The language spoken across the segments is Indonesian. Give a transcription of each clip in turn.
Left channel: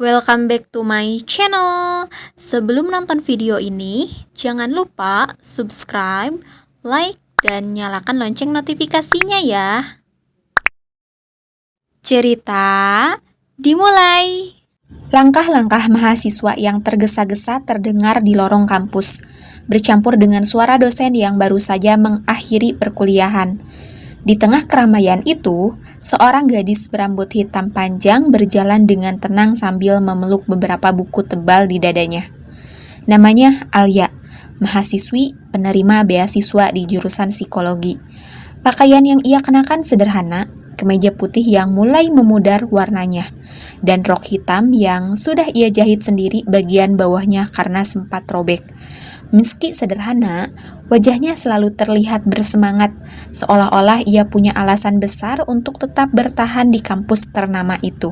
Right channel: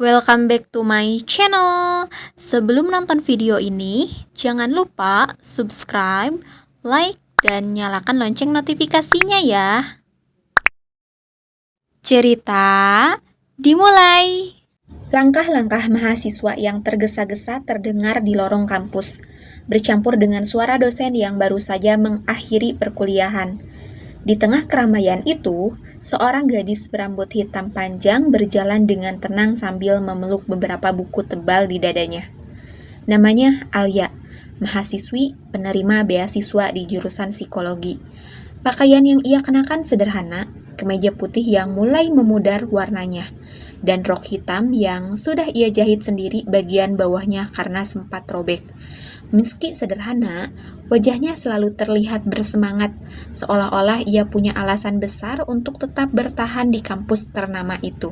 Welcome back to my channel. Sebelum nonton video ini, jangan lupa subscribe, like, dan nyalakan lonceng notifikasinya ya. Cerita dimulai. Langkah-langkah mahasiswa yang tergesa-gesa terdengar di lorong kampus, bercampur dengan suara dosen yang baru saja mengakhiri perkuliahan. Di tengah keramaian itu, seorang gadis berambut hitam panjang berjalan dengan tenang sambil memeluk beberapa buku tebal di dadanya. Namanya Alia, mahasiswi penerima beasiswa di jurusan psikologi. Pakaian yang ia kenakan sederhana, kemeja putih yang mulai memudar warnanya, dan rok hitam yang sudah ia jahit sendiri bagian bawahnya karena sempat robek. Meski sederhana, wajahnya selalu terlihat bersemangat, seolah-olah ia punya alasan besar untuk tetap bertahan di kampus ternama itu.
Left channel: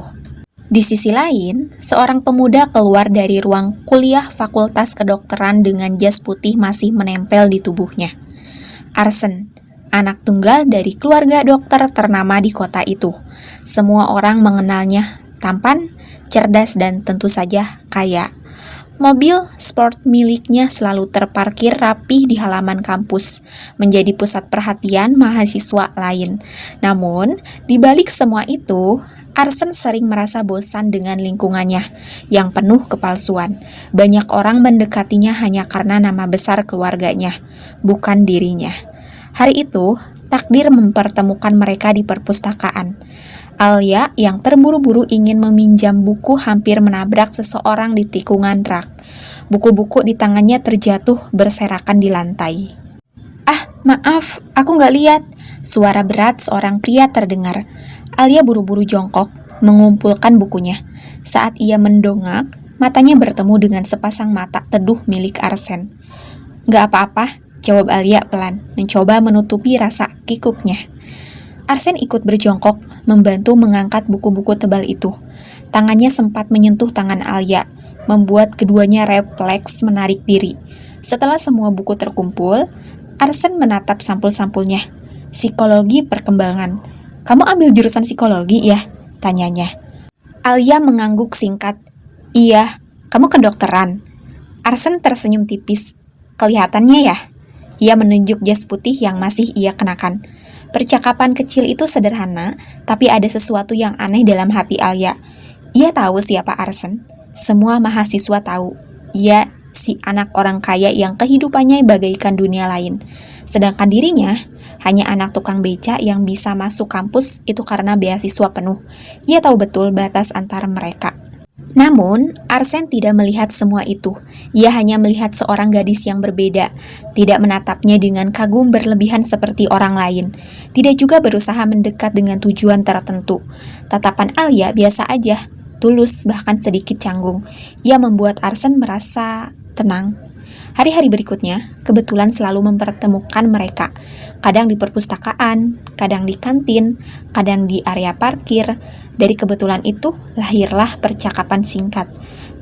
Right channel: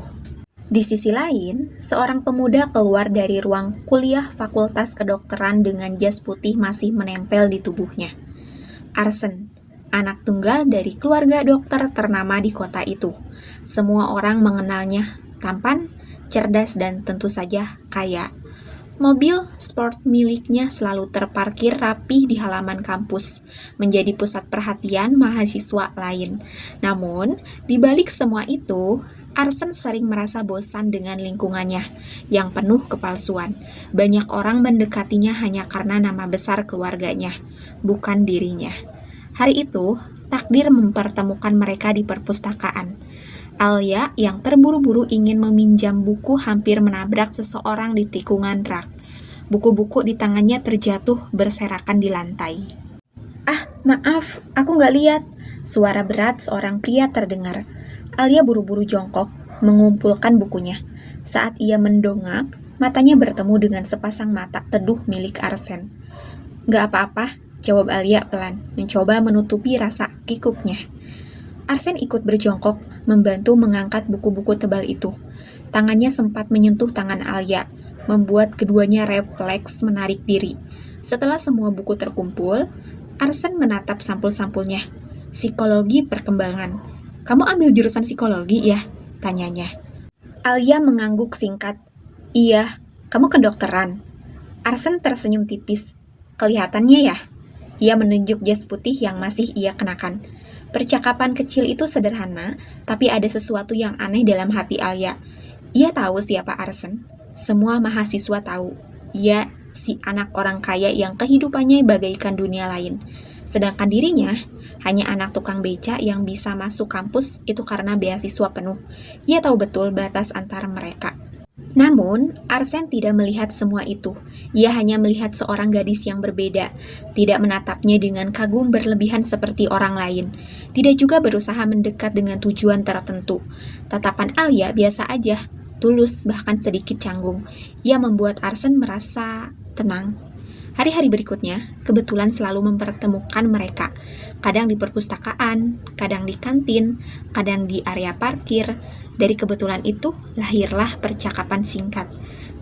Di sisi lain, seorang pemuda keluar dari ruang kuliah Fakultas Kedokteran dengan jas putih masih menempel di tubuhnya. Arsen, anak tunggal dari keluarga dokter ternama di kota itu. Semua orang mengenalnya tampan, cerdas, dan tentu saja kaya. Mobil sport miliknya selalu terparkir rapi di halaman kampus, menjadi pusat perhatian mahasiswa lain. Namun, di balik semua itu, Arsen sering merasa bosan dengan lingkungannya yang penuh kepalsuan. Banyak orang mendekatinya hanya karena nama besar keluarganya, bukan dirinya. Hari itu, takdir mempertemukan mereka di perpustakaan. Alia yang terburu-buru ingin meminjam buku hampir menabrak seseorang di tikungan rak. Buku-buku di tangannya terjatuh berserakan di lantai. "Ah, maaf, aku nggak lihat." Suara berat seorang pria terdengar. Alia buru-buru jongkok, mengumpulkan bukunya. Saat ia mendongak, matanya bertemu dengan sepasang mata teduh milik Arsen. "Nggak apa-apa," jawab Alia pelan, mencoba menutupi rasa kikuknya. Arsen ikut berjongkok, membantu mengangkat buku-buku tebal itu. Tangannya sempat menyentuh tangan Alia, membuat keduanya refleks menarik diri. Setelah semua buku terkumpul, Arsen menatap sampul-sampulnya. "Psikologi perkembangan. Kamu ambil jurusan psikologi ya?" tanyanya. Alia mengangguk singkat. "Iya, kamu kedokteran." Arsen tersenyum tipis. "Kelihatannya ya." Ia menunjuk jas putih yang masih ia kenakan. Percakapan kecil itu sederhana, tapi ada sesuatu yang aneh dalam hati Alia. Ia tahu siapa Arsen. Semua mahasiswa tahu. Ia si anak orang kaya yang kehidupannya bagaikan dunia lain. Sedangkan dirinya hanya anak tukang beca yang bisa masuk kampus itu karena beasiswa penuh. Ia tahu betul batas antara mereka. Namun, Arsen tidak melihat semua itu. Ia hanya melihat seorang gadis yang berbeda, tidak menatapnya dengan kagum berlebihan seperti orang lain, tidak juga berusaha mendekat dengan tujuan tertentu. Tatapan Alia biasa aja, tulus bahkan sedikit canggung. Ia membuat Arsen merasa tenang. Hari-hari berikutnya, kebetulan selalu mempertemukan mereka. Kadang di perpustakaan, kadang di kantin, kadang di area parkir. Dari kebetulan itu, lahirlah percakapan singkat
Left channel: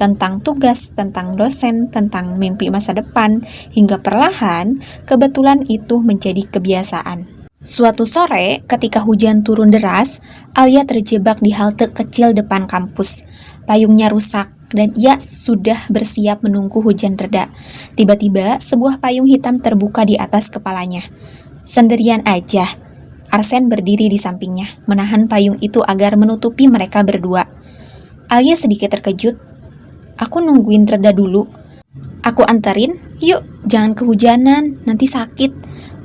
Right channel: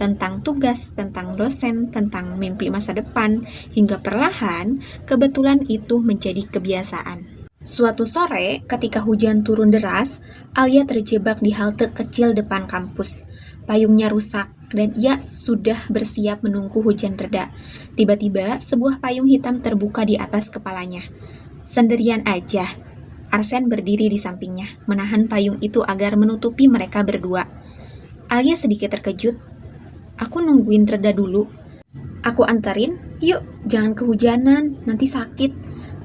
tentang tugas, tentang dosen, tentang mimpi masa depan, hingga perlahan kebetulan itu menjadi kebiasaan. Suatu sore, ketika hujan turun deras, Alia terjebak di halte kecil depan kampus. Payungnya rusak, dan ia sudah bersiap menunggu hujan reda. Tiba-tiba, sebuah payung hitam terbuka di atas kepalanya. "Sendirian aja." Arsen berdiri di sampingnya, menahan payung itu agar menutupi mereka berdua. Alia sedikit terkejut. "Aku nungguin reda dulu." "Aku anterin, yuk, jangan kehujanan, nanti sakit,"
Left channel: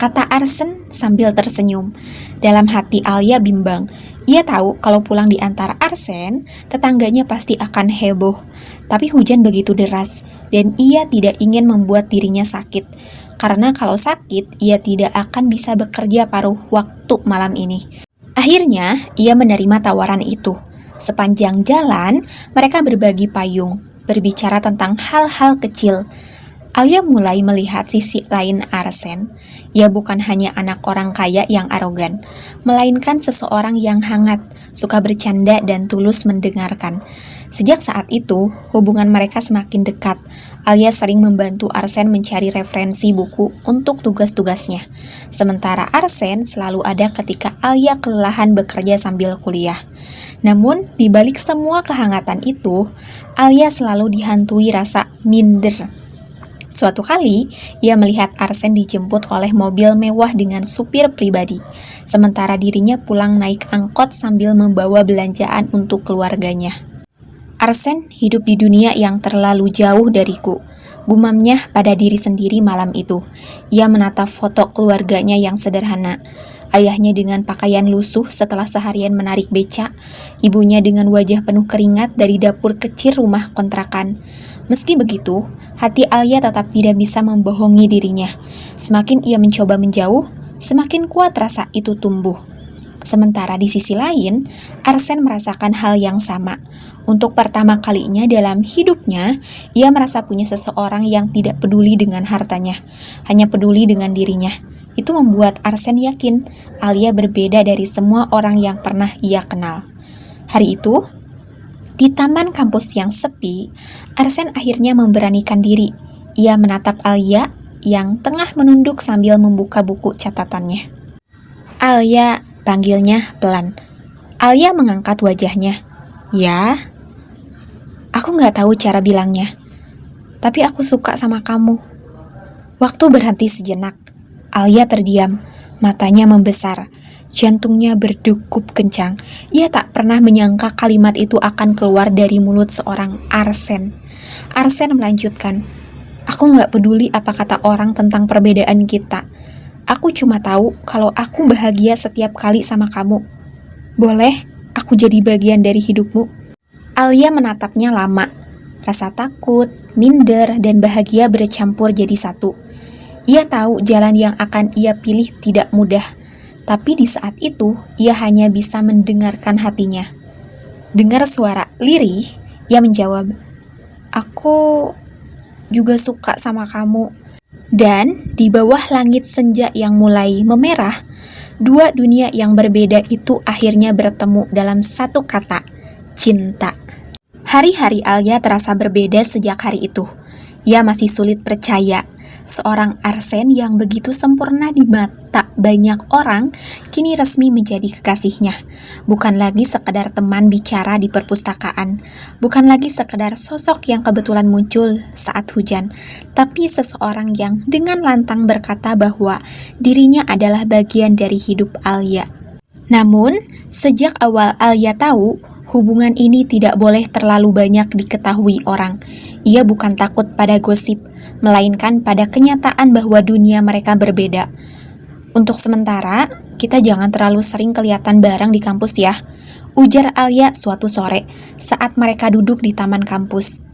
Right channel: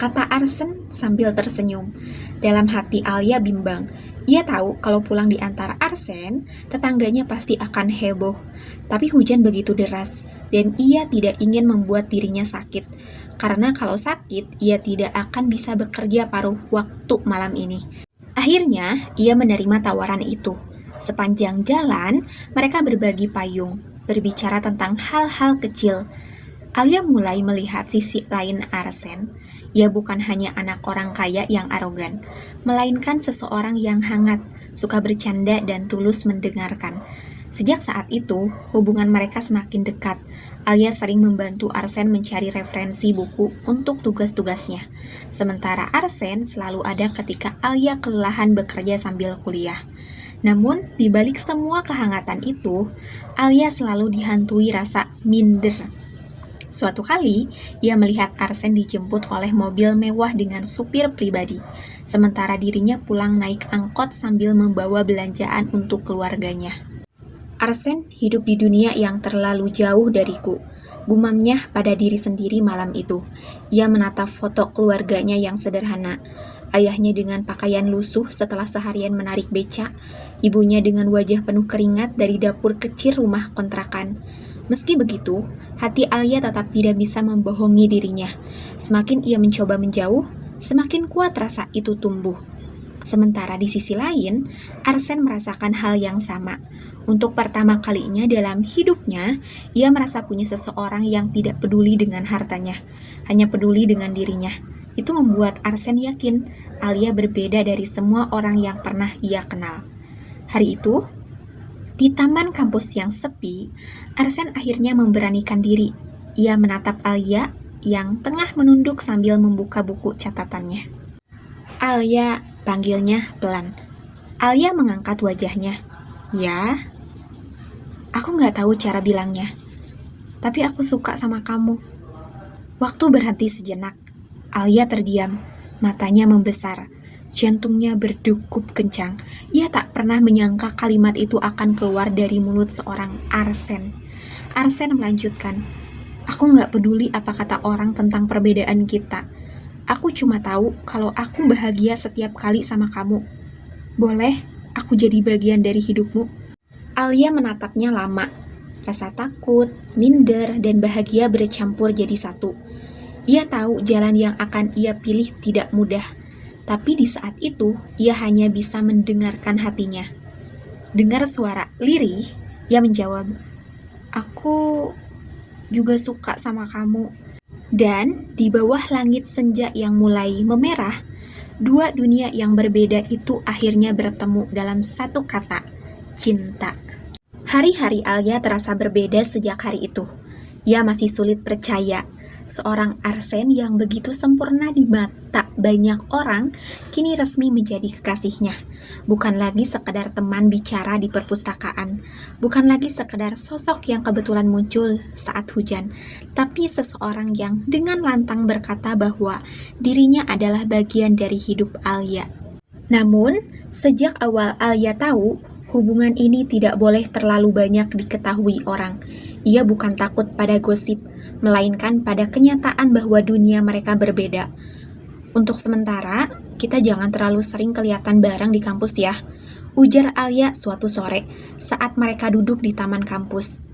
kata Arsen sambil tersenyum. Dalam hati Alia bimbang. Ia tahu kalau pulang di antara Arsen, tetangganya pasti akan heboh. Tapi hujan begitu deras, dan ia tidak ingin membuat dirinya sakit. Karena kalau sakit, ia tidak akan bisa bekerja paruh waktu malam ini. Akhirnya, ia menerima tawaran itu. Sepanjang jalan, mereka berbagi payung, berbicara tentang hal-hal kecil. Alia mulai melihat sisi lain Arsen. Ia bukan hanya anak orang kaya yang arogan, melainkan seseorang yang hangat, suka bercanda dan tulus mendengarkan. Sejak saat itu, hubungan mereka semakin dekat. Alia sering membantu Arsen mencari referensi buku untuk tugas-tugasnya. Sementara Arsen selalu ada ketika Alia kelelahan bekerja sambil kuliah. Namun, di balik semua kehangatan itu, Alia selalu dihantui rasa minder. Suatu kali, ia melihat Arsen dijemput oleh mobil mewah dengan supir pribadi, sementara dirinya pulang naik angkot sambil membawa belanjaan untuk keluarganya. Arsen hidup di dunia yang terlalu jauh dariku, gumamnya pada diri sendiri malam itu. Ia menatap foto keluarganya yang sederhana. Ayahnya dengan pakaian lusuh setelah seharian menarik beca, ibunya dengan wajah penuh keringat dari dapur kecil rumah kontrakan. Meski begitu, hati Alia tetap tidak bisa membohongi dirinya. Semakin ia mencoba menjauh, semakin kuat rasa itu tumbuh. Sementara di sisi lain, Arsen merasakan hal yang sama. Untuk pertama kalinya dalam hidupnya, ia merasa punya seseorang yang tidak peduli dengan hartanya, hanya peduli dengan dirinya. Itu membuat Arsen yakin Alia berbeda dari semua orang yang pernah ia kenal. Hari itu, di taman kampus yang sepi, Arsen akhirnya memberanikan diri. Ia menatap Alia yang tengah menunduk sambil membuka buku catatannya. "Alia," panggilnya pelan. Alia mengangkat wajahnya. "Ya?" "Aku nggak tahu cara bilangnya, tapi aku suka sama kamu." Waktu berhenti sejenak. Alia terdiam, matanya membesar. Jantungnya berdegup kencang. Ia tak pernah menyangka kalimat itu akan keluar dari mulut seorang Arsen. Arsen melanjutkan, "Aku gak peduli apa kata orang tentang perbedaan kita. Aku cuma tahu kalau aku bahagia setiap kali sama kamu. Boleh aku jadi bagian dari hidupmu?" Alia menatapnya lama. Rasa takut, minder, dan bahagia bercampur jadi satu. Ia tahu jalan yang akan ia pilih tidak mudah. Tapi di saat itu, ia hanya bisa mendengarkan hatinya. Dengar suara lirih, ia menjawab, "Aku juga suka sama kamu." Dan di bawah langit senja yang mulai memerah, dua dunia yang berbeda itu akhirnya bertemu dalam satu kata, cinta. Hari-hari Alia terasa berbeda sejak hari itu. Ia masih sulit percaya. Seorang Arsen yang begitu sempurna di mata banyak orang kini resmi menjadi kekasihnya. Bukan lagi sekedar teman bicara di perpustakaan, bukan lagi sekedar sosok yang kebetulan muncul saat hujan, tapi seseorang yang dengan lantang berkata bahwa dirinya adalah bagian dari hidup Alia. Namun, sejak awal Alia tahu hubungan ini tidak boleh terlalu banyak diketahui orang. Ia bukan takut pada gosip, melainkan pada kenyataan bahwa dunia mereka berbeda. "Untuk sementara, kita jangan terlalu sering kelihatan bareng di kampus ya," ujar Alia suatu sore saat mereka duduk di taman kampus.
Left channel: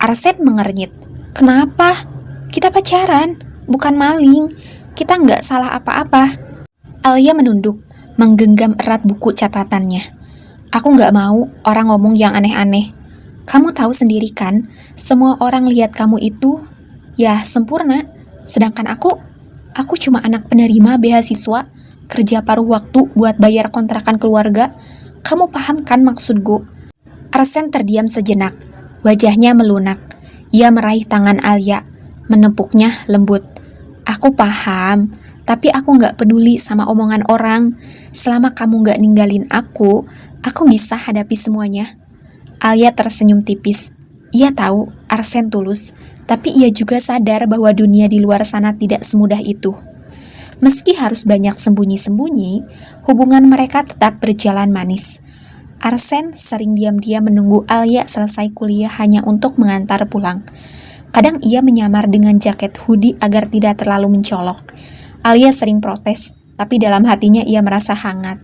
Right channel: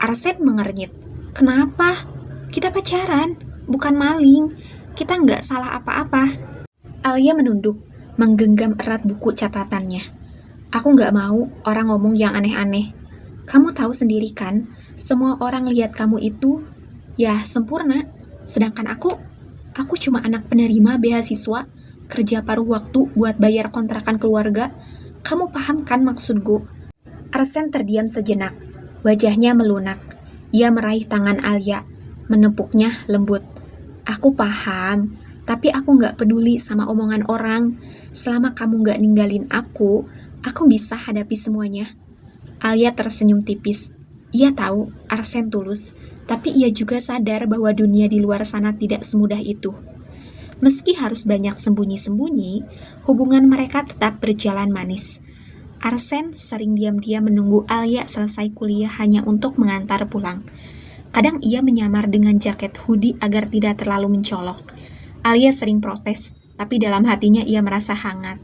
Arsen mengernyit. "Kenapa? Kita pacaran, bukan maling. Kita nggak salah apa-apa." Alia menunduk, menggenggam erat buku catatannya. "Aku nggak mau orang ngomong yang aneh-aneh. Kamu tahu sendiri kan, semua orang lihat kamu itu ya sempurna, sedangkan aku cuma anak penerima beasiswa, kerja paruh waktu buat bayar kontrakan keluarga. Kamu paham kan maksudku?" Arsen terdiam sejenak, wajahnya melunak. Ia meraih tangan Alia, menepuknya lembut. "Aku paham, tapi aku nggak peduli sama omongan orang. Selama kamu nggak ninggalin aku bisa hadapi semuanya." Alia tersenyum tipis. Ia tahu Arsen tulus, tapi ia juga sadar bahwa dunia di luar sana tidak semudah itu. Meski harus banyak sembunyi-sembunyi, hubungan mereka tetap berjalan manis. Arsen sering diam-diam menunggu Alia selesai kuliah hanya untuk mengantar pulang. Kadang ia menyamar dengan jaket hoodie agar tidak terlalu mencolok. Alia sering protes, tapi dalam hatinya ia merasa hangat.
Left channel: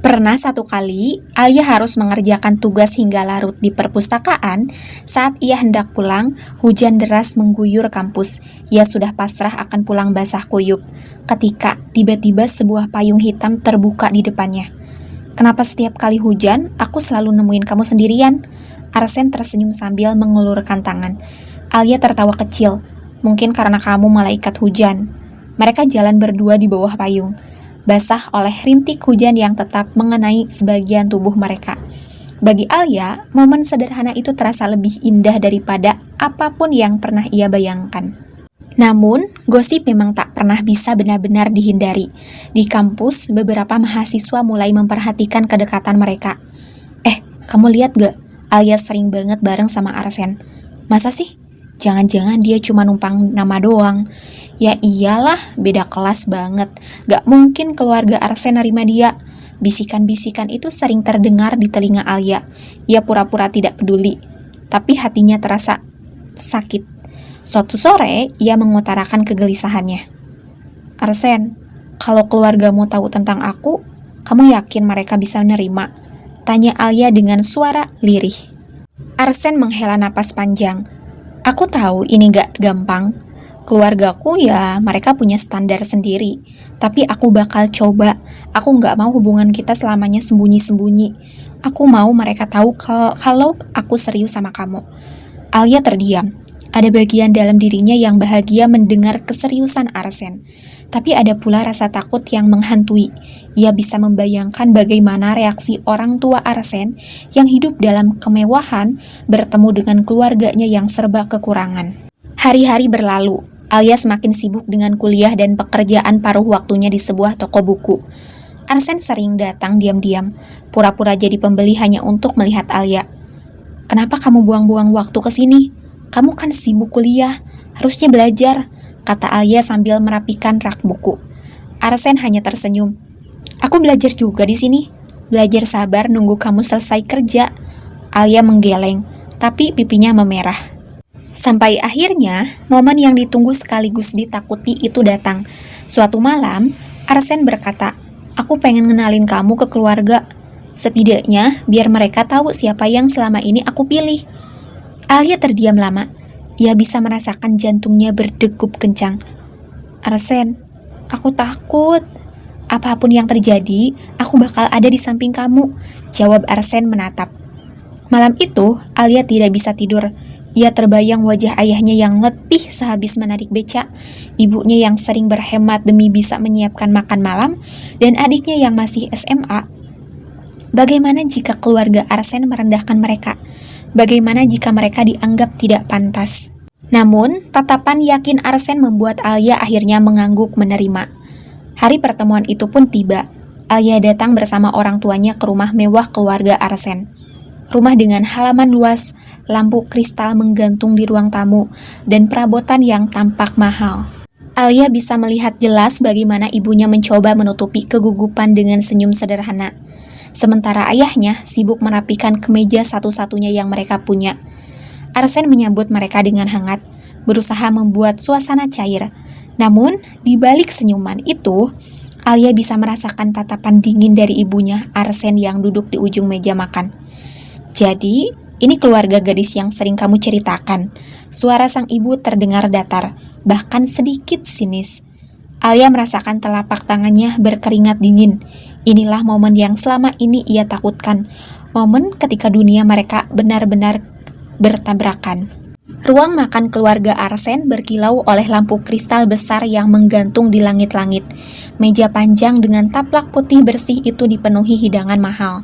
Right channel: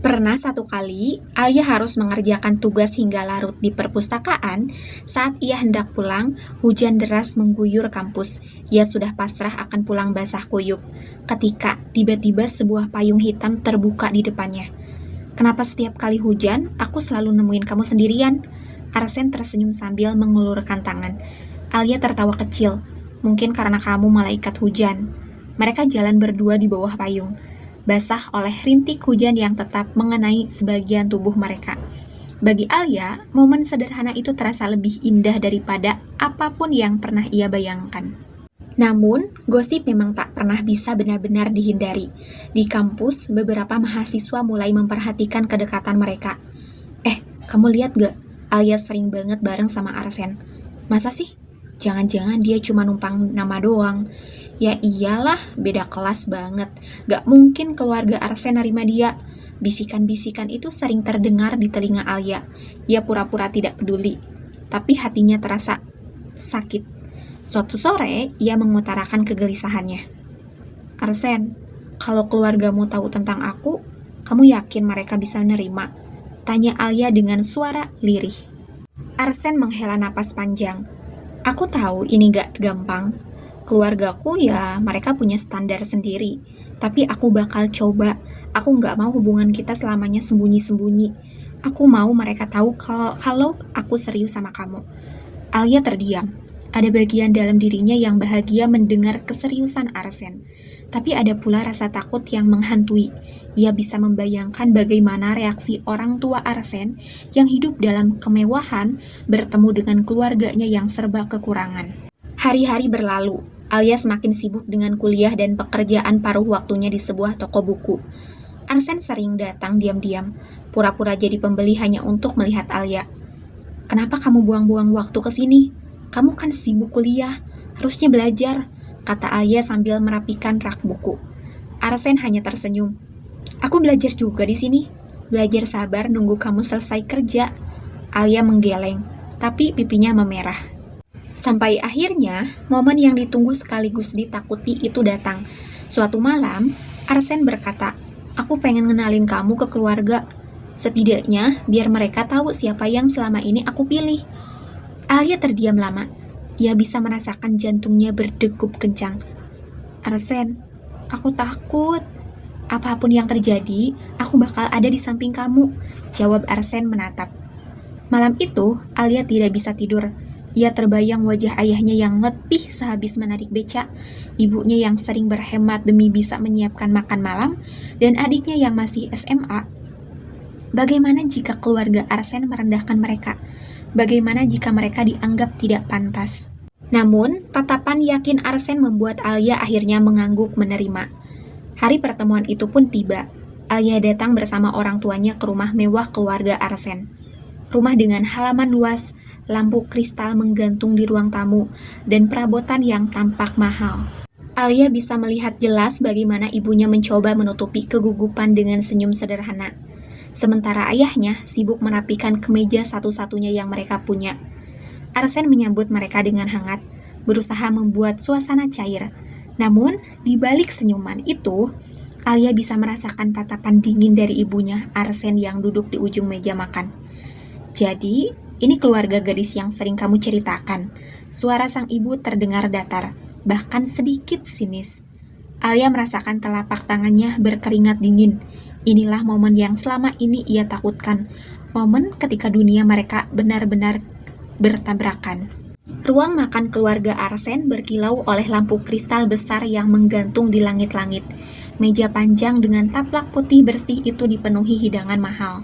Pernah satu kali, Alia harus mengerjakan tugas hingga larut di perpustakaan. Saat ia hendak pulang, hujan deras mengguyur kampus. Ia sudah pasrah akan pulang basah kuyup, ketika tiba-tiba sebuah payung hitam terbuka di depannya. "Kenapa setiap kali hujan, aku selalu nemuin kamu sendirian?" Arsen tersenyum sambil mengelurkan tangan. Alia tertawa kecil. "Mungkin karena kamu malaikat hujan." Mereka jalan berdua di bawah payung, basah oleh rintik hujan yang tetap mengenai sebagian tubuh mereka. Bagi Alia, momen sederhana itu terasa lebih indah daripada apapun yang pernah ia bayangkan. Namun, gosip memang tak pernah bisa benar-benar dihindari. Di kampus, beberapa mahasiswa mulai memperhatikan kedekatan mereka. Kamu lihat gak? Alia sering banget bareng sama Arsen. Masa sih? Jangan-jangan dia cuma numpang nama doang. Ya iyalah, beda kelas banget. Gak mungkin keluarga Arsen nerima dia. Bisikan-bisikan itu sering terdengar di telinga Alia. Ia pura-pura tidak peduli, tapi hatinya terasa sakit. Suatu sore, ia mengutarakan kegelisahannya. Arsen, kalau keluargamu tahu tentang aku, kamu yakin mereka bisa menerima? Tanya Alia dengan suara lirih. Arsen menghela napas panjang. Aku tahu ini gak gampang. Keluargaku ya mereka punya standar sendiri. Tapi aku bakal coba. Aku gak mau hubungan kita selamanya sembunyi-sembunyi. Aku mau mereka tahu kalau aku serius sama kamu. Alia terdiam. Ada bagian dalam dirinya yang bahagia mendengar keseriusan Arsen. Tapi ada pula rasa takut yang menghantui. Ia bisa membayangkan bagaimana reaksi orang tua Arsen yang hidup dalam kemewahan bertemu dengan keluarganya yang serba kekurangan. Hari-hari berlalu, Alia semakin sibuk dengan kuliah dan pekerjaan paruh waktunya di sebuah toko buku. Arsen sering datang diam-diam, pura-pura jadi pembeli hanya untuk melihat Alia. Kenapa kamu buang-buang waktu ke sini? Kamu kan sibuk kuliah, harusnya belajar, kata Alia sambil merapikan rak buku. Arsen hanya tersenyum. Aku belajar juga di sini. Belajar sabar nunggu kamu selesai kerja. Alia menggeleng, tapi pipinya memerah. Sampai akhirnya, momen yang ditunggu sekaligus ditakuti itu datang. Suatu malam, Arsen berkata, aku pengen ngenalin kamu ke keluarga. Setidaknya, biar mereka tahu siapa yang selama ini aku pilih. Alia terdiam lama. Ia bisa merasakan jantungnya berdegup kencang. Arsen, aku takut. Apapun yang terjadi, aku bakal ada di samping kamu, jawab Arsen menatap. Malam itu, Alia tidak bisa tidur. Ia terbayang wajah ayahnya yang letih sehabis menarik beca, ibunya yang sering berhemat demi bisa menyiapkan makan malam, dan adiknya yang masih SMA. Bagaimana jika keluarga Arsen merendahkan mereka? Bagaimana jika mereka dianggap tidak pantas? Namun, tatapan yakin Arsen membuat Alia akhirnya mengangguk menerima. Hari pertemuan itu pun tiba. Alia datang bersama orang tuanya ke rumah mewah keluarga Arsen. Rumah dengan halaman luas, lampu kristal menggantung di ruang tamu, dan perabotan yang tampak mahal. Alia bisa melihat jelas bagaimana ibunya mencoba menutupi kegugupan dengan senyum sederhana. Sementara ayahnya sibuk merapikan kemeja satu-satunya yang mereka punya. Arsen menyambut mereka dengan hangat, berusaha membuat suasana cair. Namun, di balik senyuman itu, Alia bisa merasakan tatapan dingin dari ibunya, Arsen yang duduk di ujung meja makan. Jadi, ini keluarga gadis yang sering kamu ceritakan. Suara sang ibu terdengar datar, bahkan sedikit sinis. Alia merasakan telapak tangannya berkeringat dingin. Inilah momen yang selama ini ia takutkan. Momen ketika dunia mereka benar-benar bertabrakan. Ruang makan keluarga Arsen berkilau oleh lampu kristal besar yang menggantung di langit-langit. Meja panjang dengan taplak putih bersih itu dipenuhi hidangan mahal.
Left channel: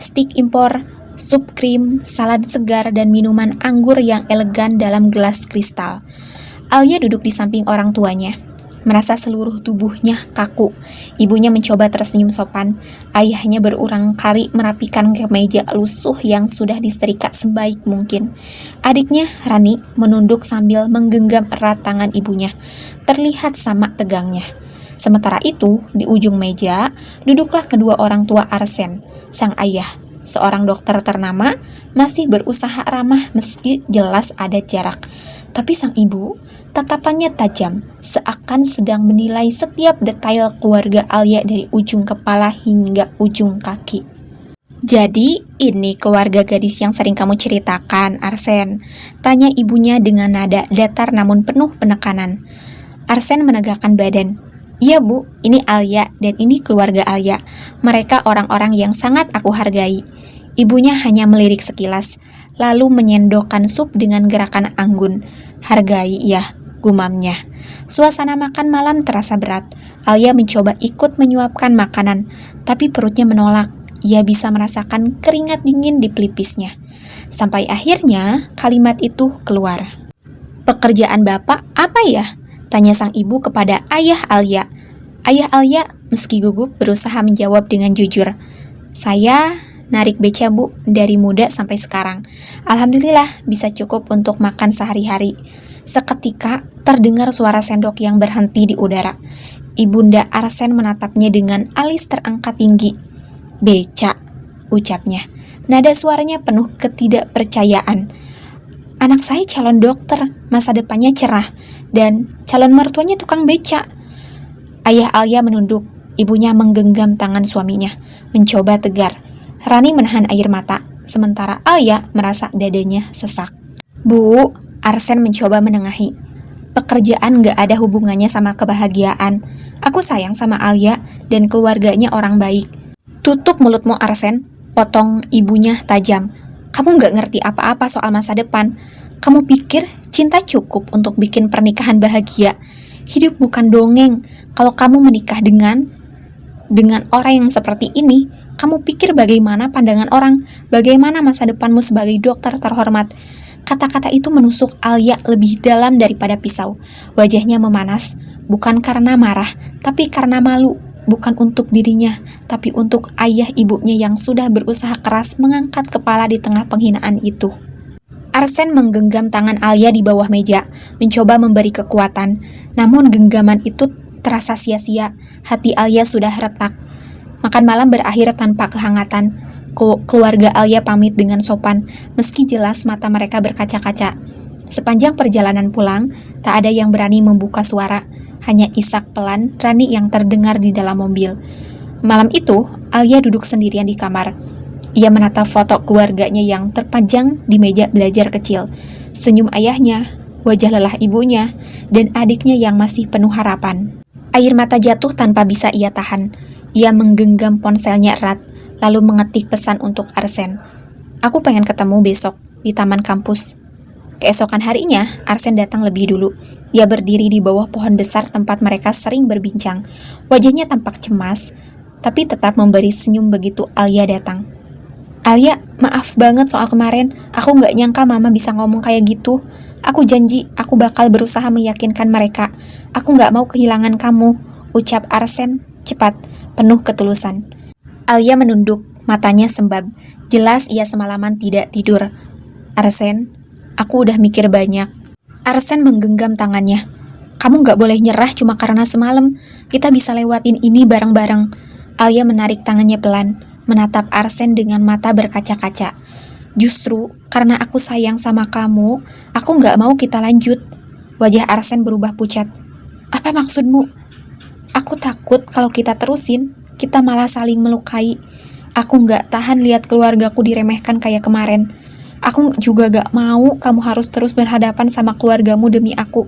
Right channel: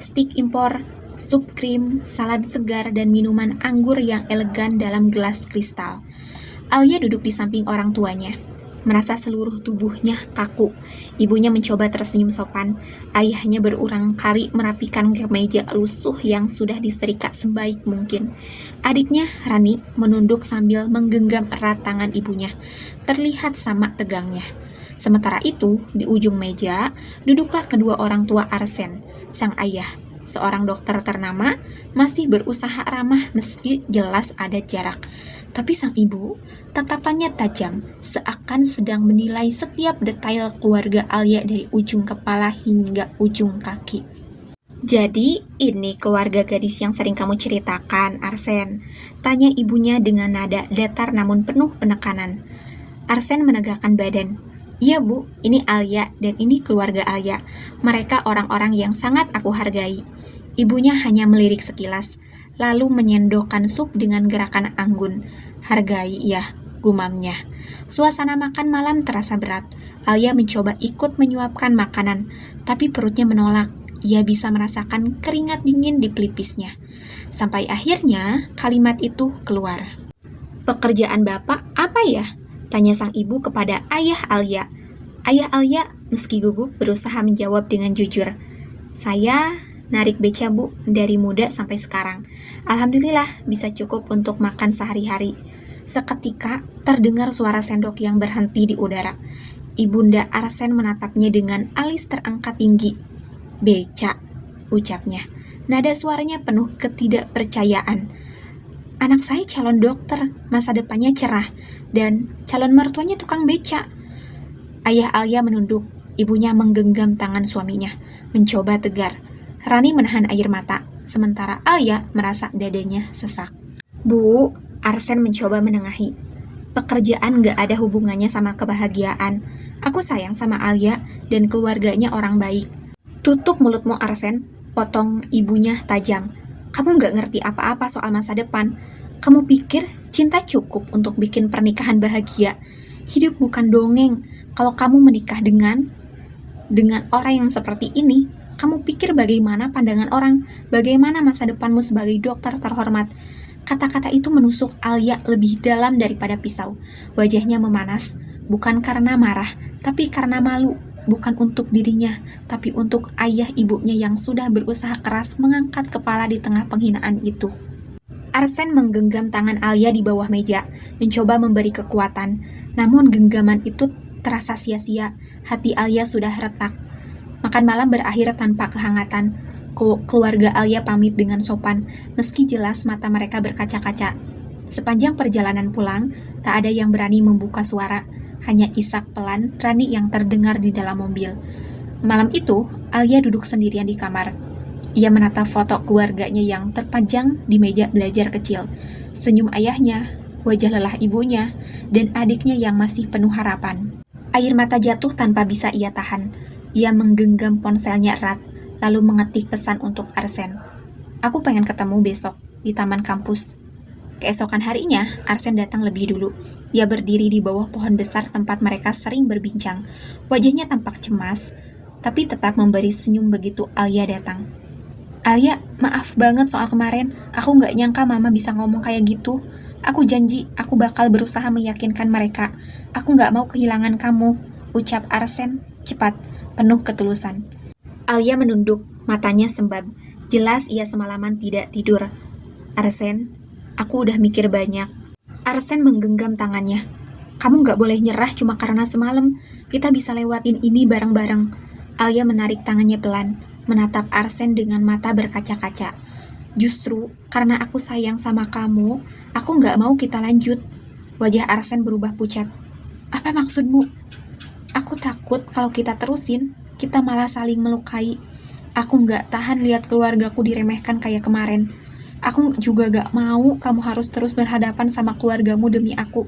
Stik impor, sup krim, salad segar, dan minuman anggur yang elegan dalam gelas kristal. Alia duduk di samping orang tuanya. Merasa seluruh tubuhnya kaku. Ibunya mencoba tersenyum sopan. Ayahnya berulang kali merapikan kemeja lusuh yang sudah disetrika sebaik mungkin. Adiknya, Rani, menunduk sambil menggenggam erat tangan ibunya. Terlihat sama tegangnya. Sementara itu, di ujung meja, duduklah kedua orang tua Arsen. Sang ayah, seorang dokter ternama, masih berusaha ramah meski jelas ada jarak. Tapi sang ibu, tatapannya tajam, seakan sedang menilai setiap detail keluarga Alia dari ujung kepala hingga ujung kaki. Jadi, ini keluarga gadis yang sering kamu ceritakan, Arsen? Tanya ibunya dengan nada datar namun penuh penekanan. Arsen menegakkan badan. Iya bu, ini Alia dan ini keluarga Alia. Mereka orang-orang yang sangat aku hargai. Ibunya hanya melirik sekilas, lalu menyendokkan sup dengan gerakan anggun. Hargai ya, gumamnya. Suasana makan malam terasa berat. Alia mencoba ikut menyuapkan makanan, tapi perutnya menolak. Ia bisa merasakan keringat dingin di pelipisnya. Sampai akhirnya kalimat itu keluar. Pekerjaan bapak apa ya? Tanya sang ibu kepada ayah Alia. Ayah Alia meski gugup berusaha menjawab dengan jujur. Saya narik beca bu, dari muda sampai sekarang. Alhamdulillah bisa cukup untuk makan sehari-hari. Seketika terdengar suara sendok yang berhenti di udara. Ibunda Arsen menatapnya dengan alis terangkat tinggi. Beca, ucapnya. Nada suaranya penuh ketidakpercayaan. Anak saya calon dokter, masa depannya cerah, dan calon mertuanya tukang beca. Ayah Alia menunduk, ibunya menggenggam tangan suaminya, mencoba tegar. Rani menahan air mata, sementara Alia merasa dadanya sesak. Bu, Arsen mencoba menengahi. Pekerjaan gak ada hubungannya sama kebahagiaan. Aku sayang sama Alia dan keluarganya orang baik. Tutup mulutmu Arsen, potong ibunya tajam. Kamu gak ngerti apa-apa soal masa depan. Kamu pikir cinta cukup untuk bikin pernikahan bahagia? Hidup bukan dongeng. Kalau kamu menikah dengan orang yang seperti ini, kamu pikir bagaimana pandangan orang? Bagaimana masa depanmu sebagai dokter terhormat? Kata-kata itu menusuk Alia lebih dalam daripada pisau. Wajahnya memanas, bukan karena marah, tapi karena malu. Bukan untuk dirinya, tapi untuk ayah ibunya yang sudah berusaha keras mengangkat kepala di tengah penghinaan itu. Arsen menggenggam tangan Alia di bawah meja, mencoba memberi kekuatan. Namun genggaman itu terasa sia-sia. Hati Alia sudah retak. Makan malam berakhir tanpa kehangatan. Keluarga Alia pamit dengan sopan, meski jelas mata mereka berkaca-kaca. Sepanjang perjalanan pulang, tak ada yang berani membuka suara. Hanya isak pelan Rani yang terdengar di dalam mobil. Malam itu, Alia duduk sendirian di kamar. Ia menatap foto keluarganya yang terpajang di meja belajar kecil. Senyum ayahnya, wajah lelah ibunya, dan adiknya yang masih penuh harapan. Air mata jatuh tanpa bisa ia tahan. Ia menggenggam ponselnya erat, lalu mengetik pesan untuk Arsen. Aku pengen ketemu besok di taman kampus. Keesokan harinya, Arsen datang lebih dulu. Ia berdiri di bawah pohon besar tempat mereka sering berbincang. Wajahnya tampak cemas, tapi tetap memberi senyum begitu Alia datang. Alia, maaf banget soal kemarin. Aku gak nyangka mama bisa ngomong kayak gitu. Aku janji, aku bakal berusaha meyakinkan mereka. Aku gak mau kehilangan kamu, ucap Arsen cepat, penuh ketulusan. Alia menunduk, matanya sembab. Jelas ia semalaman tidak tidur. Arsen, aku udah mikir banyak. Arsen menggenggam tangannya. Kamu gak boleh nyerah cuma karena semalam. Kita bisa lewatin ini bareng-bareng. Alia menarik tangannya pelan, menatap Arsen dengan mata berkaca-kaca. Justru karena aku sayang sama kamu, aku gak mau kita lanjut. Wajah Arsen berubah pucat. Apa maksudmu? Aku takut kalau kita terusin, kita malah saling melukai. Aku gak tahan lihat keluargaku diremehkan kayak kemarin. Aku juga gak mau kamu harus terus berhadapan sama keluargamu demi aku.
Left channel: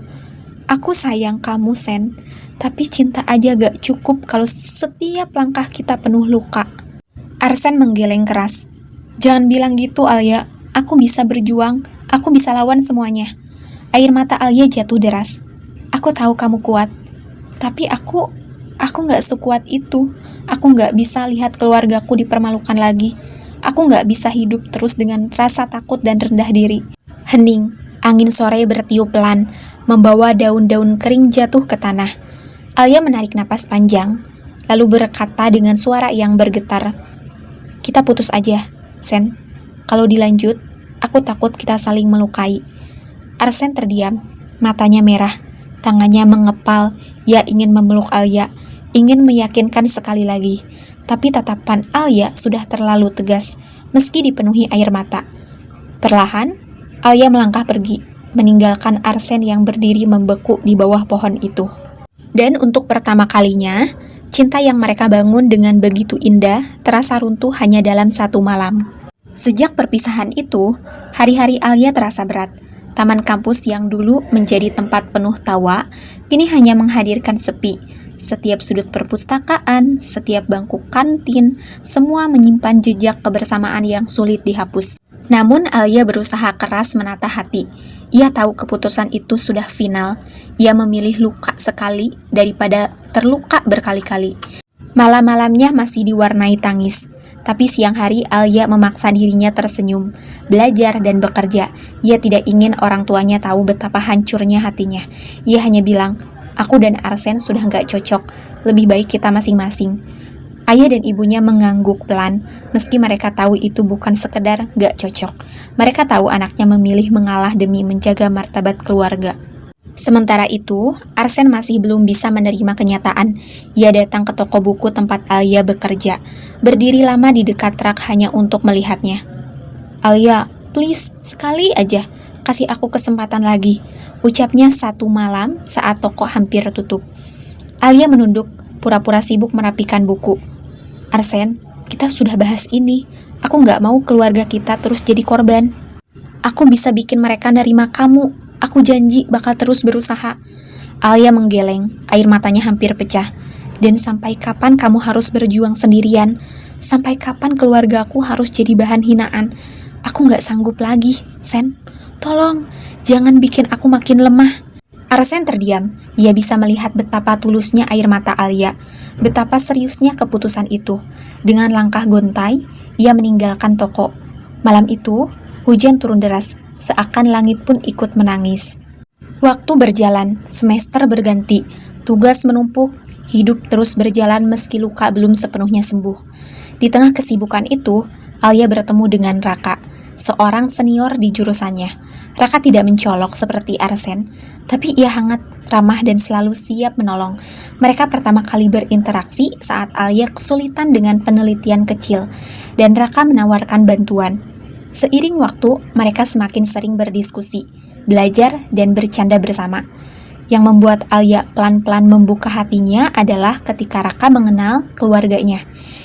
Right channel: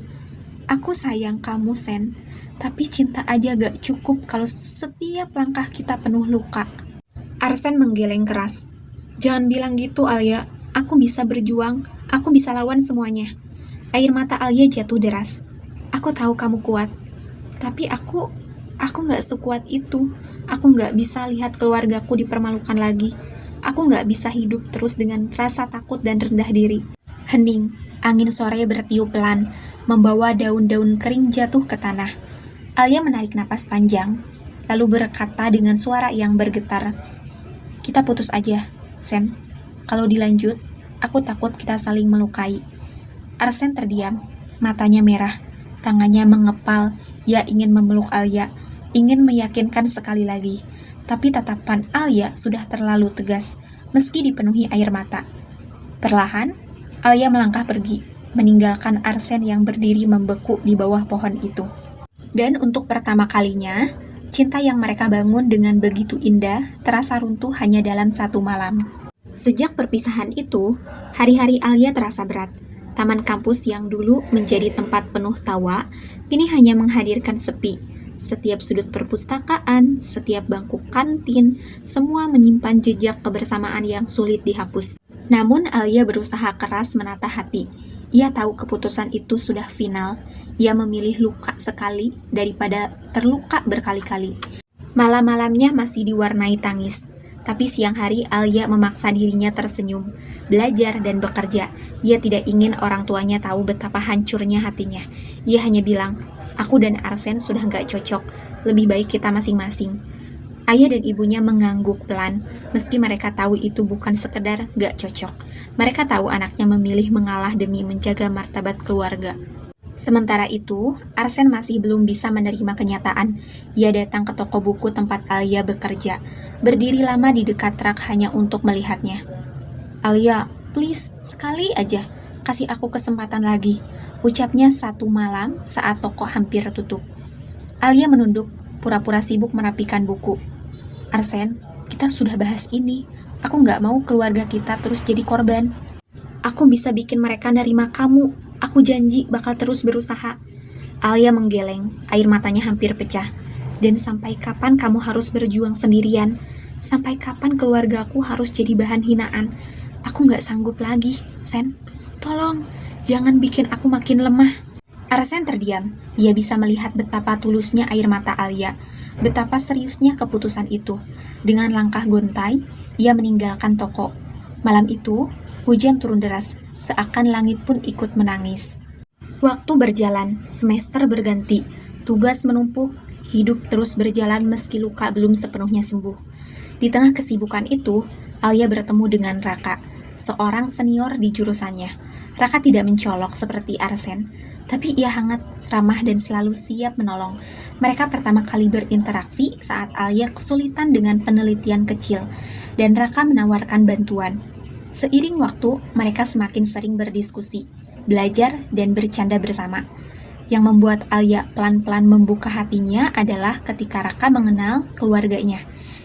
Aku sayang kamu, Sen. Tapi cinta aja gak cukup kalau setiap langkah kita penuh luka. Arsen menggeleng keras. Jangan bilang gitu, Alia. Aku bisa berjuang. Aku bisa lawan semuanya. Air mata Alia jatuh deras. Aku tahu kamu kuat. Tapi aku gak sekuat itu. Aku gak bisa lihat keluargaku dipermalukan lagi. Aku gak bisa hidup terus dengan rasa takut dan rendah diri. Hening, angin sore bertiup pelan, membawa daun-daun kering jatuh ke tanah. Alia menarik napas panjang, lalu berkata dengan suara yang bergetar. Kita putus aja, Sen. Kalau dilanjut, aku takut kita saling melukai. Arsen terdiam, matanya merah, tangannya mengepal. Ia ingin memeluk Alia, ingin meyakinkan sekali lagi. Tapi tatapan Alia sudah terlalu tegas, meski dipenuhi air mata. Perlahan, Alia melangkah pergi, meninggalkan Arsen yang berdiri membeku di bawah pohon itu. Dan untuk pertama kalinya, cinta yang mereka bangun dengan begitu indah terasa runtuh hanya dalam satu malam. Sejak perpisahan itu, hari-hari Alia terasa berat. Taman kampus yang dulu menjadi tempat penuh tawa, kini hanya menghadirkan sepi. Setiap sudut perpustakaan, setiap bangku kantin, semua menyimpan jejak kebersamaan yang sulit dihapus. Namun Alia berusaha keras menata hati. Ia tahu keputusan itu sudah final. Ia memilih luka sekali daripada terluka berkali-kali. Malam-malamnya masih diwarnai tangis. Tapi siang hari Alia memaksa dirinya tersenyum, belajar dan bekerja. Ia tidak ingin orang tuanya tahu betapa hancurnya hatinya. Ia hanya bilang, aku dan Arsen sudah gak cocok, lebih baik kita masing-masing. Ayah dan ibunya mengangguk pelan, meski mereka tahu itu bukan sekedar gak cocok. Mereka tahu anaknya memilih mengalah demi menjaga martabat keluarga. Sementara itu, Arsen masih belum bisa menerima kenyataan. Ia datang ke toko buku tempat Alia bekerja, berdiri lama di dekat rak hanya untuk melihatnya. "Alia, please, sekali aja, kasih aku kesempatan lagi," ucapnya satu malam saat toko hampir tutup. Alia menunduk, pura-pura sibuk merapikan buku. "Arsen, kita sudah bahas ini. Aku nggak mau keluarga kita terus jadi korban. Aku bisa bikin mereka nerima kamu. Aku janji bakal terus berusaha." Alia menggeleng, air matanya hampir pecah. "Dan sampai kapan kamu harus berjuang sendirian? Sampai kapan keluargaku harus jadi bahan hinaan? Aku nggak sanggup lagi, Sen. Tolong, jangan bikin aku makin lemah." Arsen terdiam. Ia bisa melihat betapa tulusnya air mata Alia, betapa seriusnya keputusan itu. Dengan langkah gontai, ia meninggalkan toko. Malam itu, hujan turun deras, seakan langit pun ikut menangis. Waktu berjalan, semester berganti, tugas menumpuk, hidup terus berjalan meski luka belum sepenuhnya sembuh. Di tengah kesibukan itu, Alia bertemu dengan Raka, seorang senior di jurusannya. Raka tidak mencolok seperti Arsen, tapi ia hangat, ramah dan selalu siap menolong. Mereka pertama kali berinteraksi saat Alia kesulitan dengan penelitian kecil, dan Raka menawarkan bantuan. Seiring waktu, mereka semakin sering berdiskusi, belajar, dan bercanda bersama. Yang membuat Alia pelan-pelan membuka hatinya adalah ketika Raka mengenal keluarganya.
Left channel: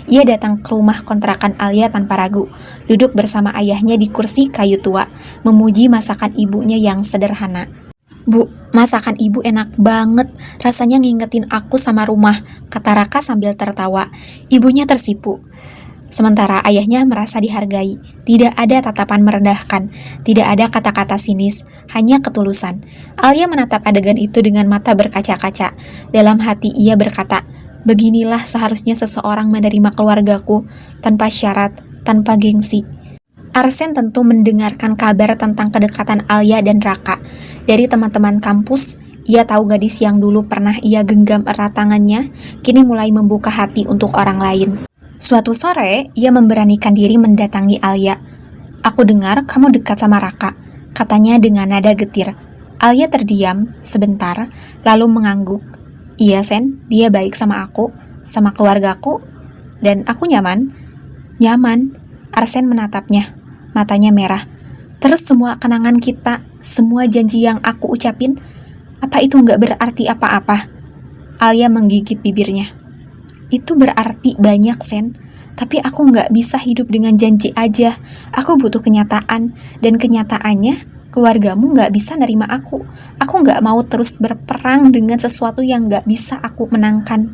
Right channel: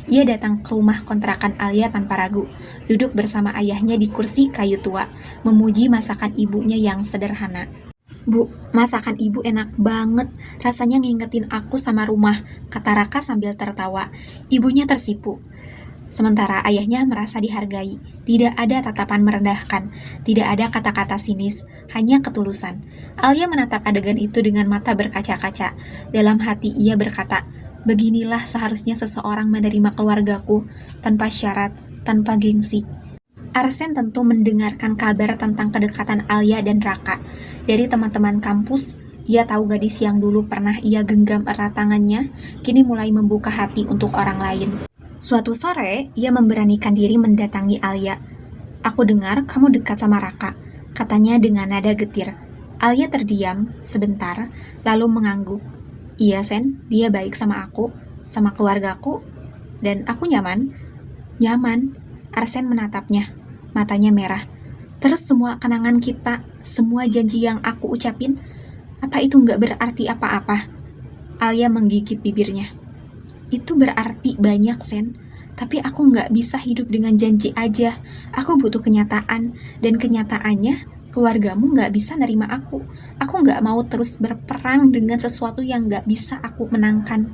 Ia datang ke rumah kontrakan Alia tanpa ragu, duduk bersama ayahnya di kursi kayu tua, memuji masakan ibunya yang sederhana. "Bu, masakan ibu enak banget, rasanya ngingetin aku sama rumah," kata Raka sambil tertawa. Ibunya tersipu. Sementara ayahnya merasa dihargai, tidak ada tatapan merendahkan, tidak ada kata-kata sinis, hanya ketulusan. Alia menatap adegan itu dengan mata berkaca-kaca. Dalam hati ia berkata, "Beginilah seharusnya seseorang menerima keluargaku, tanpa syarat, tanpa gengsi." Arsen tentu mendengarkan kabar tentang kedekatan Alia dan Raka. Dari teman-teman kampus, ia tahu gadis yang dulu pernah ia genggam erat tangannya, kini mulai membuka hati untuk orang lain. Suatu sore, ia memberanikan diri mendatangi Alia. "Aku dengar kamu dekat sama Raka," katanya dengan nada getir. Alia terdiam sebentar, lalu mengangguk. "Iya, Sen, dia baik sama aku, sama keluargaku, dan aku nyaman." "Nyaman?" Arsen menatapnya, matanya merah. "Terus semua kenangan kita, semua janji yang aku ucapin, apa itu nggak berarti apa-apa?" Alia menggigit bibirnya. "Itu berarti banyak, Sen. Tapi aku nggak bisa hidup dengan janji aja. Aku butuh kenyataan. Dan kenyataannya, keluargamu nggak bisa nerima aku. Aku nggak mau terus berperang dengan sesuatu yang nggak bisa aku menangkan."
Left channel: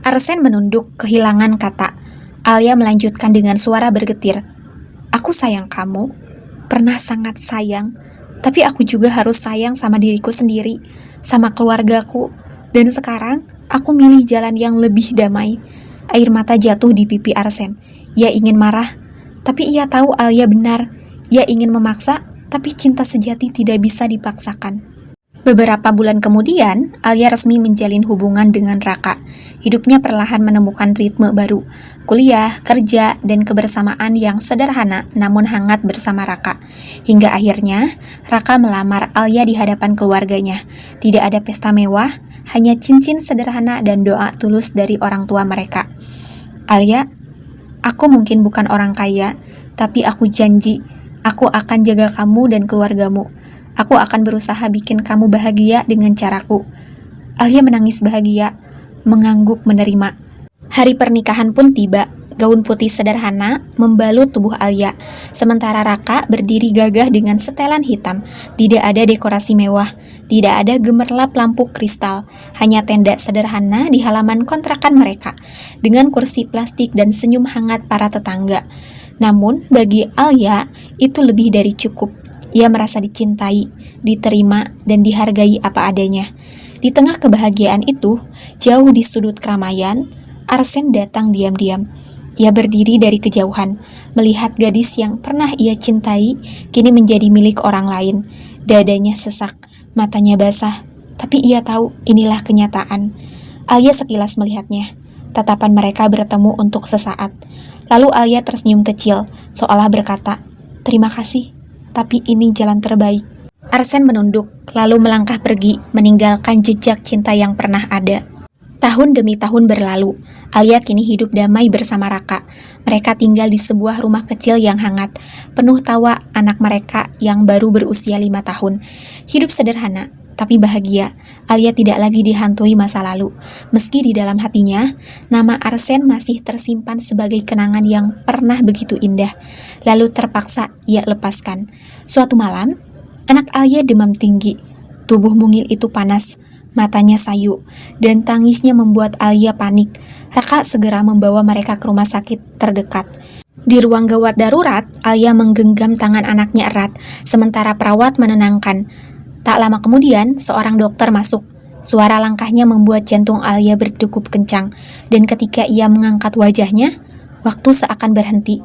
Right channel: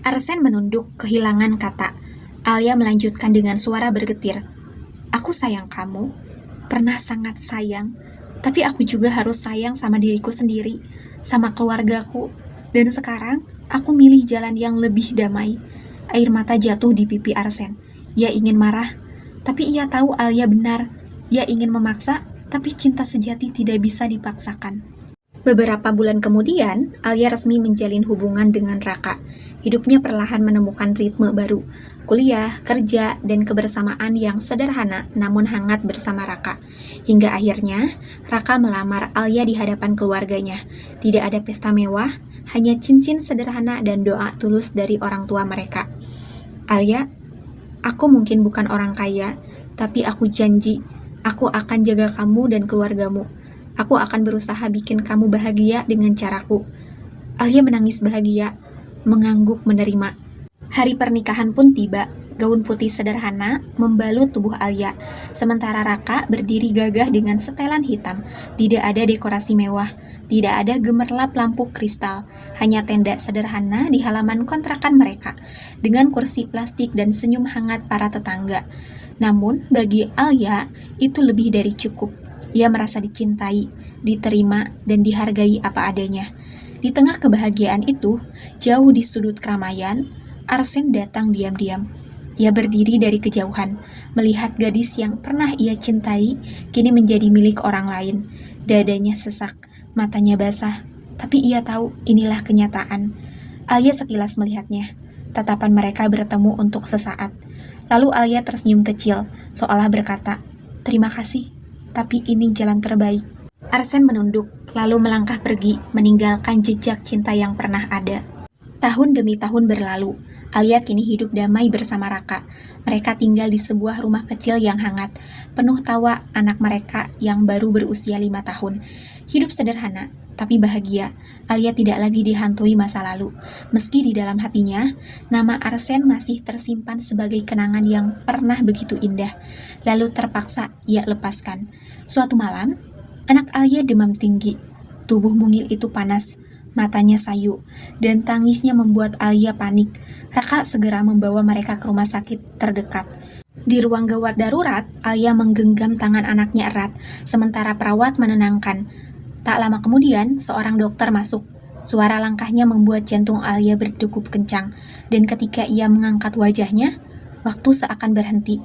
Arsen menunduk, kehilangan kata. Alia melanjutkan dengan suara bergetir. "Aku sayang kamu. Pernah sangat sayang. Tapi aku juga harus sayang sama diriku sendiri, sama keluargaku. Dan sekarang, aku milih jalan yang lebih damai." Air mata jatuh di pipi Arsen. Ia ingin marah, tapi ia tahu Alia benar. Ia ingin memaksa, tapi cinta sejati tidak bisa dipaksakan. Beberapa bulan kemudian, Alia resmi menjalin hubungan dengan Raka. Hidupnya perlahan menemukan ritme baru. Kuliah, kerja, dan kebersamaan yang sederhana namun hangat bersama Raka. Hingga akhirnya, Raka melamar Alia di hadapan keluarganya. Tidak ada pesta mewah, hanya cincin sederhana dan doa tulus dari orang tua mereka. "Alia, aku mungkin bukan orang kaya, tapi aku janji, aku akan jaga kamu dan keluargamu. Aku akan berusaha bikin kamu bahagia dengan caraku." Alia menangis bahagia, mengangguk menerima. Hari pernikahan pun tiba. Gaun putih sederhana membalut tubuh Alia, sementara Raka berdiri gagah dengan setelan hitam. Tidak ada dekorasi mewah, tidak ada gemerlap lampu kristal, hanya tenda sederhana di halaman kontrakan mereka, dengan kursi plastik dan senyum hangat para tetangga. Namun, bagi Alia, itu lebih dari cukup. Ia merasa dicintai, diterima, dan dihargai apa adanya. Di tengah kebahagiaan itu, jauh di sudut keramaian, Arsen datang diam-diam. Ia berdiri dari kejauhan, melihat gadis yang pernah ia cintai, kini menjadi milik orang lain. Dadanya sesak, matanya basah, tapi ia tahu inilah kenyataan. Alia sekilas melihatnya. Tatapan mereka bertemu untuk sesaat. Lalu Alia tersenyum kecil, seolah berkata, "Terima kasih, tapi ini jalan terbaik." Arsen menunduk, lalu melangkah pergi, meninggalkan jejak cinta yang pernah ada. Tahun demi tahun berlalu, Alia kini hidup damai bersama Raka. Mereka tinggal di sebuah rumah kecil yang hangat, penuh tawa anak mereka yang baru berusia 5 tahun. Hidup sederhana, tapi bahagia. Alia tidak lagi dihantui masa lalu. Meski di dalam hatinya, nama Arsen masih tersimpan sebagai kenangan yang pernah begitu indah. Lalu terpaksa ia lepaskan. Suatu malam, anak Alia demam tinggi. Tubuh mungil itu panas. Matanya sayu, dan tangisnya membuat Alia panik. Raka segera membawa mereka ke rumah sakit terdekat. Di ruang gawat darurat, Alia menggenggam tangan anaknya erat, sementara perawat menenangkan. Tak lama kemudian, seorang dokter masuk. Suara langkahnya membuat jantung Alia berdegup kencang, dan ketika ia mengangkat wajahnya, waktu seakan berhenti.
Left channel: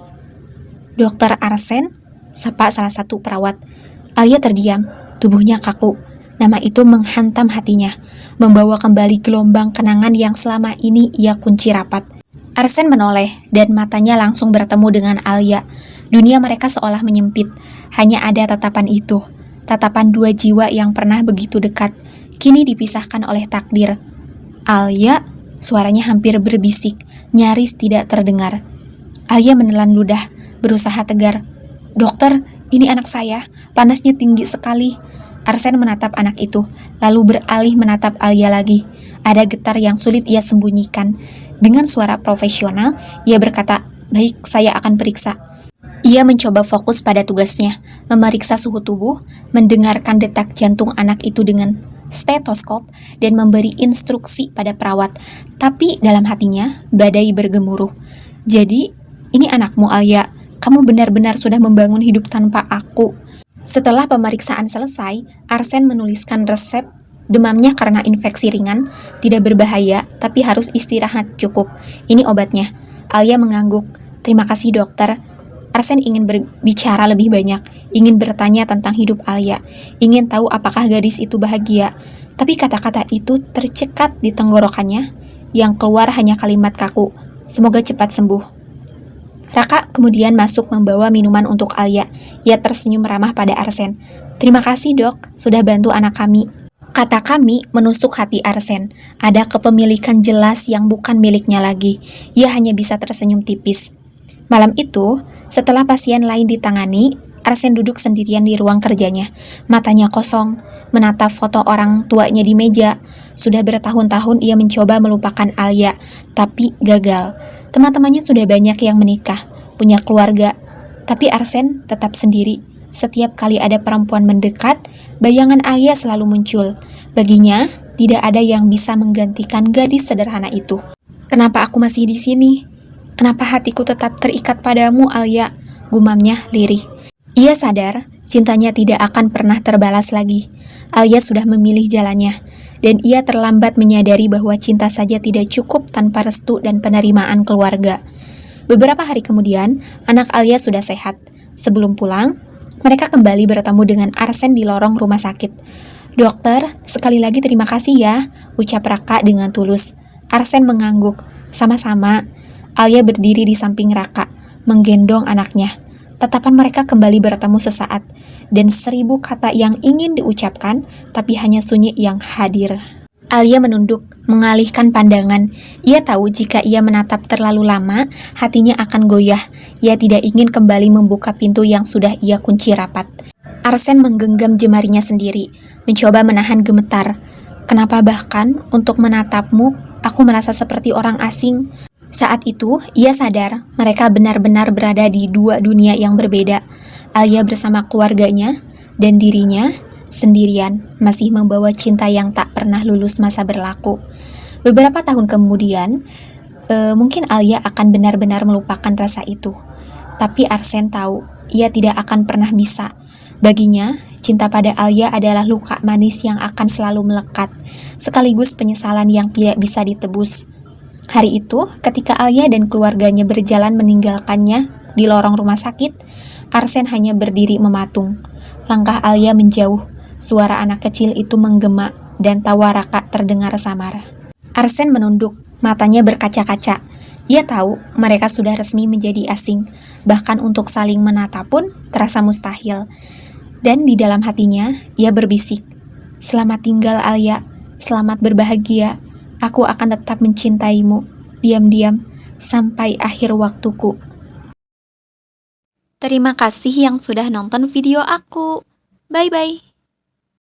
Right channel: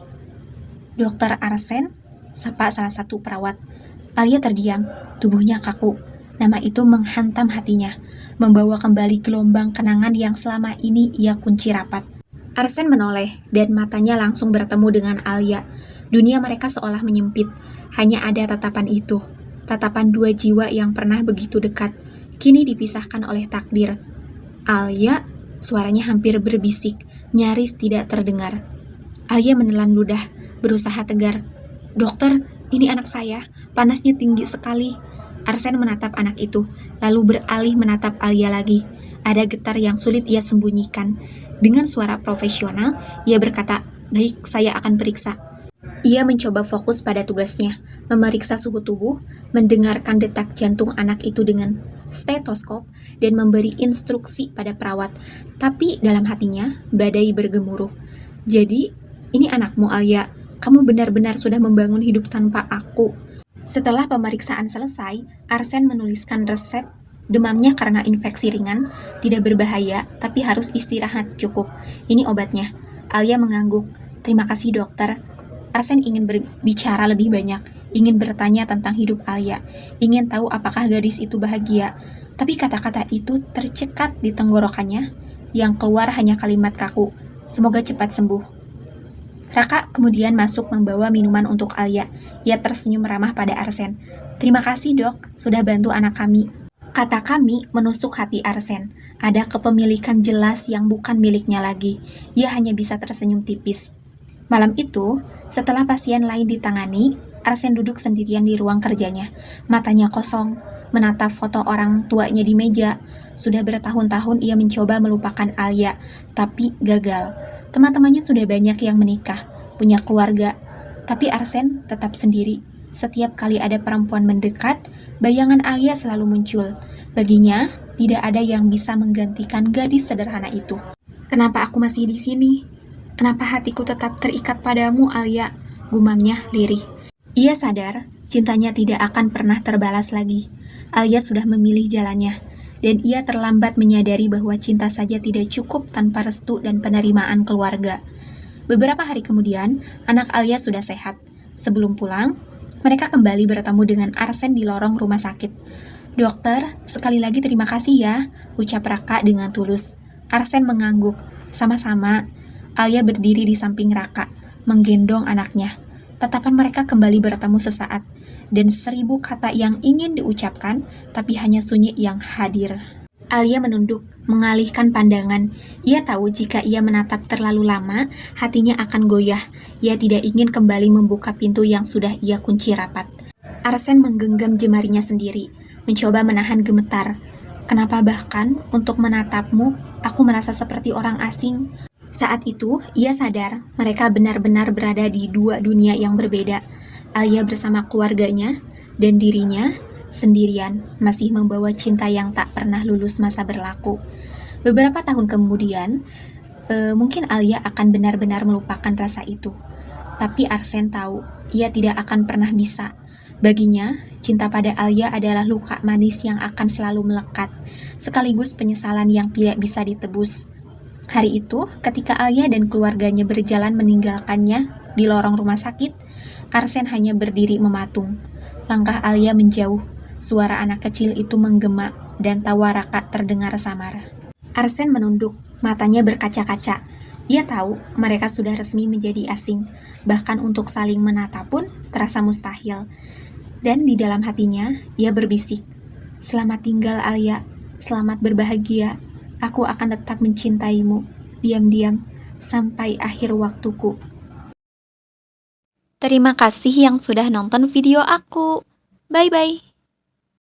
"Dokter Arsen?" sapa salah satu perawat. Alia terdiam, tubuhnya kaku. Nama itu menghantam hatinya, membawa kembali gelombang kenangan yang selama ini ia kunci rapat. Arsen menoleh, dan matanya langsung bertemu dengan Alia. Dunia mereka seolah menyempit, hanya ada tatapan itu. Tatapan dua jiwa yang pernah begitu dekat, kini dipisahkan oleh takdir. "Alia," suaranya hampir berbisik, nyaris tidak terdengar. Alia menelan ludah, berusaha tegar. "Dokter, ini anak saya, panasnya tinggi sekali." Arsen menatap anak itu, lalu beralih menatap Alia lagi. Ada getar yang sulit ia sembunyikan. Dengan suara profesional, ia berkata, "Baik, saya akan periksa." Ia mencoba fokus pada tugasnya, memeriksa suhu tubuh, mendengarkan detak jantung anak itu dengan stetoskop, dan memberi instruksi pada perawat. Tapi dalam hatinya, badai bergemuruh. "Jadi, ini anakmu, Alia. Kamu benar-benar sudah membangun hidup tanpa aku." Setelah pemeriksaan selesai, Arsen menuliskan resep. Demamnya karena infeksi ringan, tidak berbahaya, tapi harus istirahat cukup. "Ini obatnya." Alia mengangguk. "Terima kasih, dokter." Arsen ingin berbicara lebih banyak, ingin bertanya tentang hidup Alia, ingin tahu apakah gadis itu bahagia. Tapi kata-kata itu tercekat di tenggorokannya, yang keluar hanya kalimat kaku, "Semoga cepat sembuh." Raka kemudian masuk membawa minuman untuk Alia. Ia tersenyum ramah pada Arsen. "Terima kasih, Dok, sudah bantu anak kami." Kata "kami" menusuk hati Arsen. Ada kepemilikan jelas yang bukan miliknya lagi. Ia hanya bisa tersenyum tipis. Malam itu, setelah pasien lain ditangani, Arsen duduk sendirian di ruang kerjanya. Matanya kosong, menatap foto orang tuanya di meja. Sudah bertahun-tahun ia mencoba melupakan Alia, tapi gagal. Teman-temannya sudah banyak yang menikah, punya keluarga, tapi Arsen tetap sendiri. Setiap kali ada perempuan mendekat, bayangan Alia selalu muncul. Baginya, tidak ada yang bisa menggantikan gadis sederhana itu. "Kenapa aku masih di sini? Kenapa hatiku tetap terikat padamu, Alia?" gumamnya lirih. Ia sadar, cintanya tidak akan pernah terbalas lagi. Alia sudah memilih jalannya, dan ia terlambat menyadari bahwa cinta saja tidak cukup tanpa restu dan penerimaan keluarga. Beberapa hari kemudian, anak Alia sudah sehat. Sebelum pulang, mereka kembali bertemu dengan Arsen di lorong rumah sakit. "Dokter, sekali lagi terima kasih ya," ucap Raka dengan tulus. Arsen mengangguk. "Sama-sama." Alia berdiri di samping Raka, menggendong anaknya. Tatapan mereka kembali bertemu sesaat, dan 1000 kata yang ingin diucapkan, tapi hanya sunyi yang hadir. Alia menunduk, mengalihkan pandangan. Ia tahu jika ia menatap terlalu lama, hatinya akan goyah. Ia tidak ingin kembali membuka pintu yang sudah ia kunci rapat. Arsen menggenggam jemarinya sendiri, mencoba menahan gemetar. "Kenapa bahkan untuk menatapmu, aku merasa seperti orang asing?" Saat itu, ia sadar mereka benar-benar berada di dua dunia yang berbeda. Alia bersama keluarganya, dan dirinya sendirian, masih membawa cinta yang tak pernah lulus masa berlaku. Beberapa tahun kemudian, mungkin Alia akan benar-benar melupakan rasa itu. Tapi Arsen tahu, ia tidak akan pernah bisa. Baginya, cinta pada Alia adalah luka manis yang akan selalu melekat, sekaligus penyesalan yang tidak bisa ditebus. Hari itu, ketika Alia dan keluarganya berjalan meninggalkannya di lorong rumah sakit, Arsen hanya berdiri mematung. Langkah Alia menjauh, suara anak kecil itu menggema, dan tawa Raka terdengar samar. Arsen menunduk, Matanya berkaca-kaca. Ia tahu mereka sudah resmi menjadi asing, bahkan untuk saling menatap pun terasa mustahil. Dan di dalam hatinya, ia berbisik, "Selamat tinggal Alia, selamat berbahagia. Aku akan tetap mencintaimu, diam-diam, sampai akhir waktuku." Terima kasih yang sudah nonton video aku. Bye-bye.